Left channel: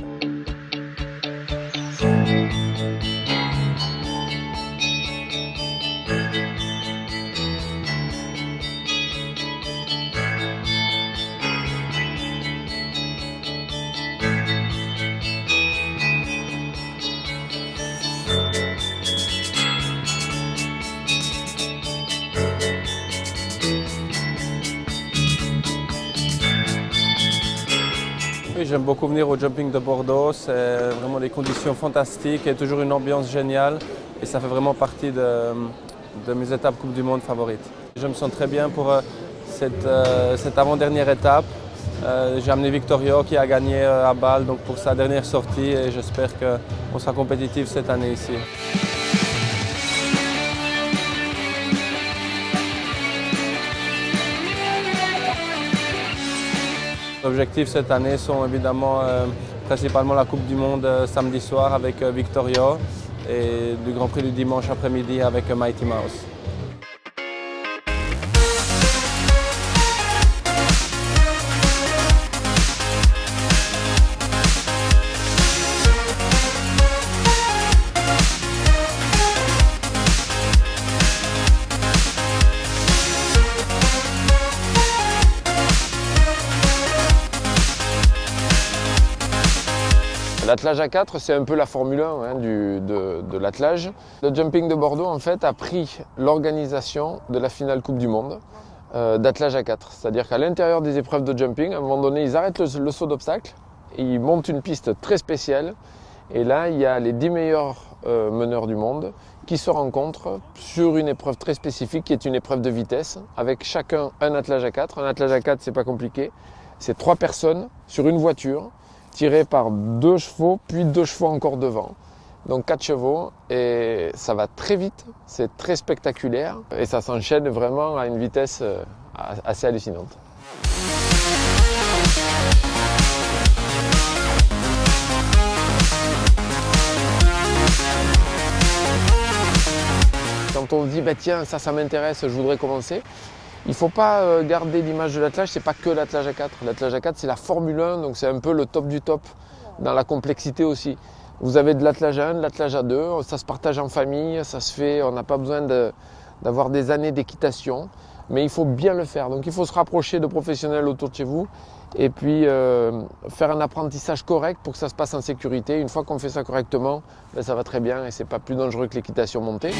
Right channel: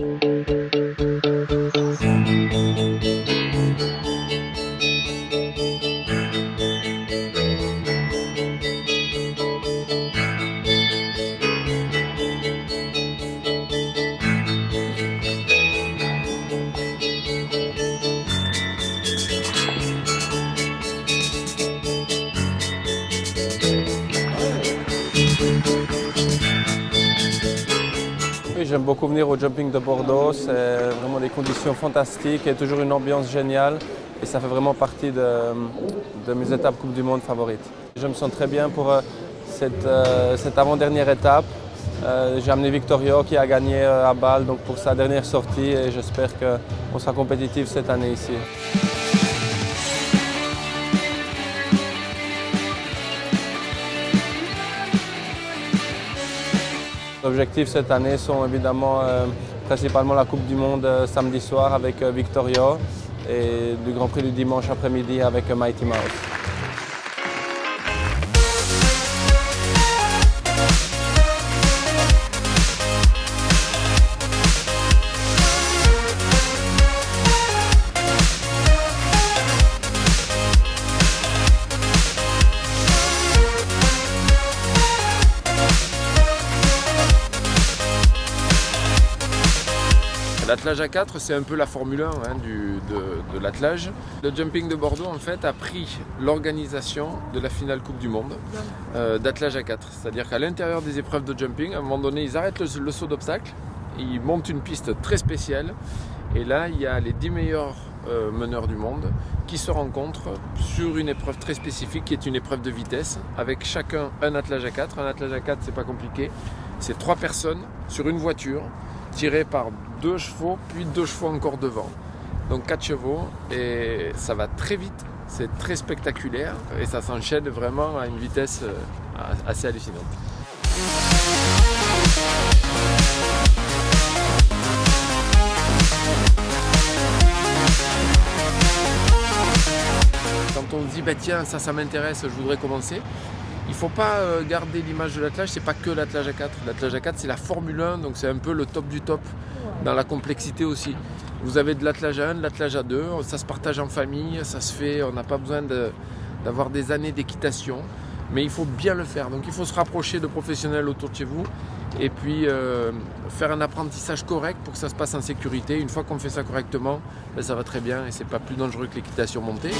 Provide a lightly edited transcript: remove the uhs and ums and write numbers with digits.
Oui, j'aime beaucoup venir au jumping de Bordeaux, c'est vraiment des conditions fantastiques et toujours une ambiance géniale et ça fait vraiment partie de mes étapes Coupe du Monde favorites. Je me sens très bien pour cette avant-dernière étape. J'ai amené Victorio qui a gagné à Bâle donc pour sa dernière sortie et j'espère qu'on sera compétitif cette année ici. Les objectifs cette année sont évidemment principalement la Coupe du Monde samedi soir avec Victorio et du Grand Prix du dimanche après-midi avec Mighty Mouse. L'attelage à 4, c'est un peu la Formule 1 de l'attelage. Le jumping de Bordeaux en fait a pris l'organisation de la finale Coupe du Monde d'attelage à 4. C'est-à-dire qu'à l'intérieur des épreuves de jumping, à un moment donné, ils arrêtent le saut d'obstacle, ils montent une piste très spéciale et là, il y a les 10 meilleurs meneurs du monde qui se rencontrent sur une épreuve très spécifique qui est une épreuve de vitesse avec chacun un attelage à 4. Un attelage à 4, c'est pas compliqué, c'est 3 personnes sur une voiture tiré par 2 chevaux, puis 2 chevaux encore devant. Donc 4 chevaux et ça va très vite, c'est très spectaculaire et ça s'enchaîne vraiment à une vitesse assez hallucinante. Quand on se dit bah tiens ça m'intéresse, je voudrais commencer. Il ne faut pas garder l'image de l'attelage, c'est pas que l'attelage à 4. L'attelage à 4 c'est la Formule 1, donc c'est un peu le top du top dans la complexité aussi. Vous avez de l'attelage à 1, de l'attelage à 2, ça se partage en famille, ça se fait, on n'a pas besoin d'avoir des années d'équitation, mais il faut bien le faire. Donc il faut se rapprocher de professionnels autour de chez vous et puis faire un apprentissage correct pour que ça se passe en sécurité. Une fois qu'on fait ça correctement, ben, ça va très bien et c'est pas plus dangereux que l'équitation montée.